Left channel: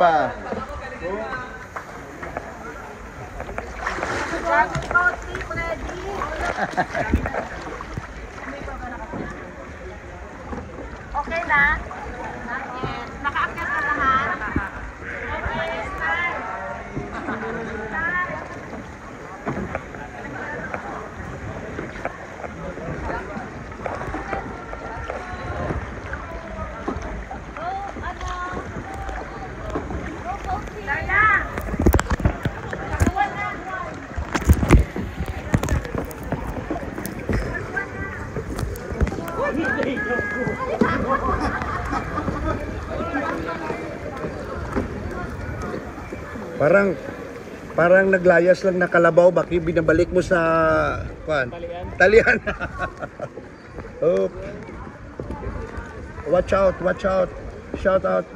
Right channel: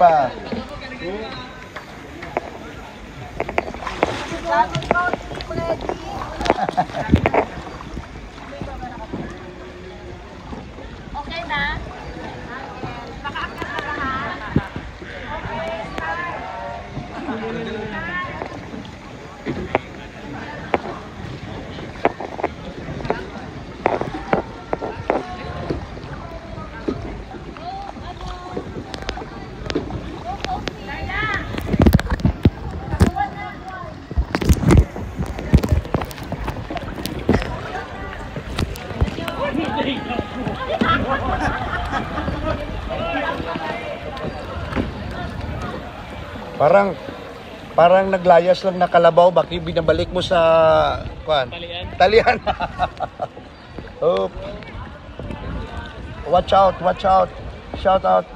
pa. Okay na? Parang naglayas lang na kalabaw, bakit binabalik mo sa talian. Oh. Watch out. Shout out.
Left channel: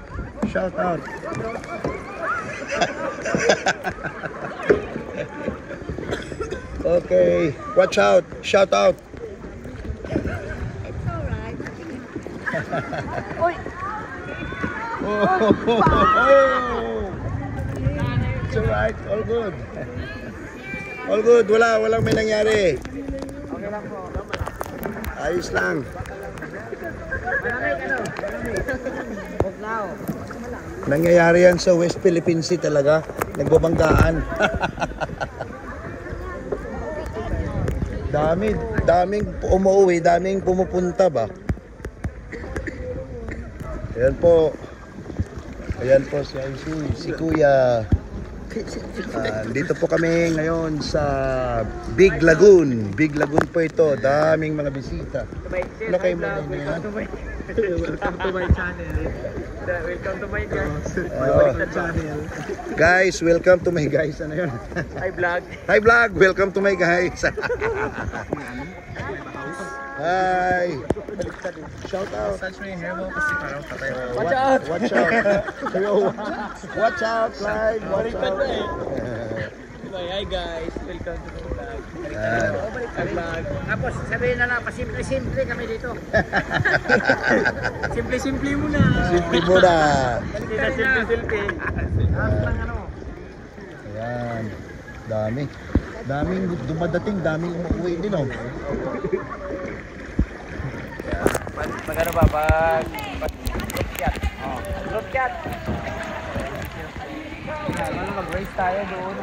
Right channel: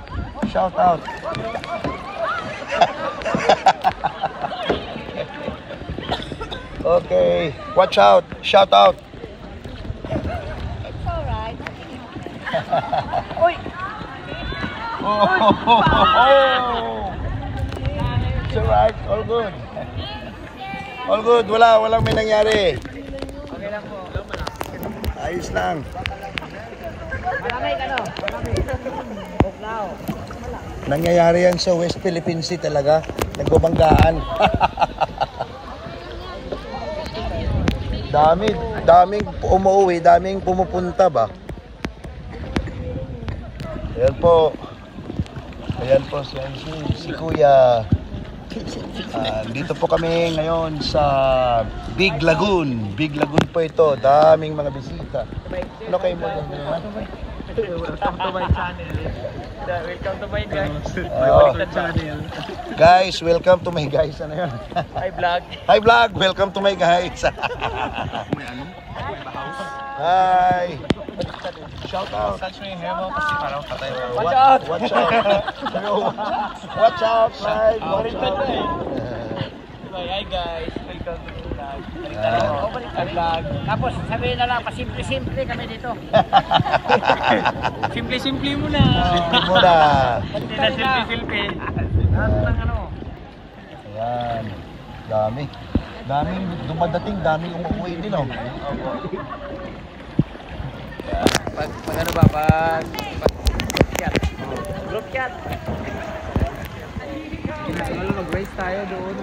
Okay, watch out. Shout out. It's alright. Uy! It's alright, all good, walang may nangyari. Okay lang po. Ayos lang. Malamig ano? Now. Nangyayari yan sa West Philippine Sea talaga, nagbabanggaan. daming umuwi, daming pumupunta ba. Ayan po si Kuya. Dito po kami ngayon sa Big Lagoon po ito, daming mga bisita. Ano kayo mo? Welcome to my channel. Welcome to my guys. Channel. Guys, welcome to my guys. Ano yun? Hi vlog, welcome to my guys. Hi. Shout out. Watch out. Hi guys, welcome to vlog. Tapos sabihin na lang, pasimple-simple kami dito. Simple-simple muna. Hindi na simple-simple. Lahat ng ano. Ayan. Daming dumadating, daming umuwi din, oh. Pag ano ba, group chat. Mag-race tayo doon.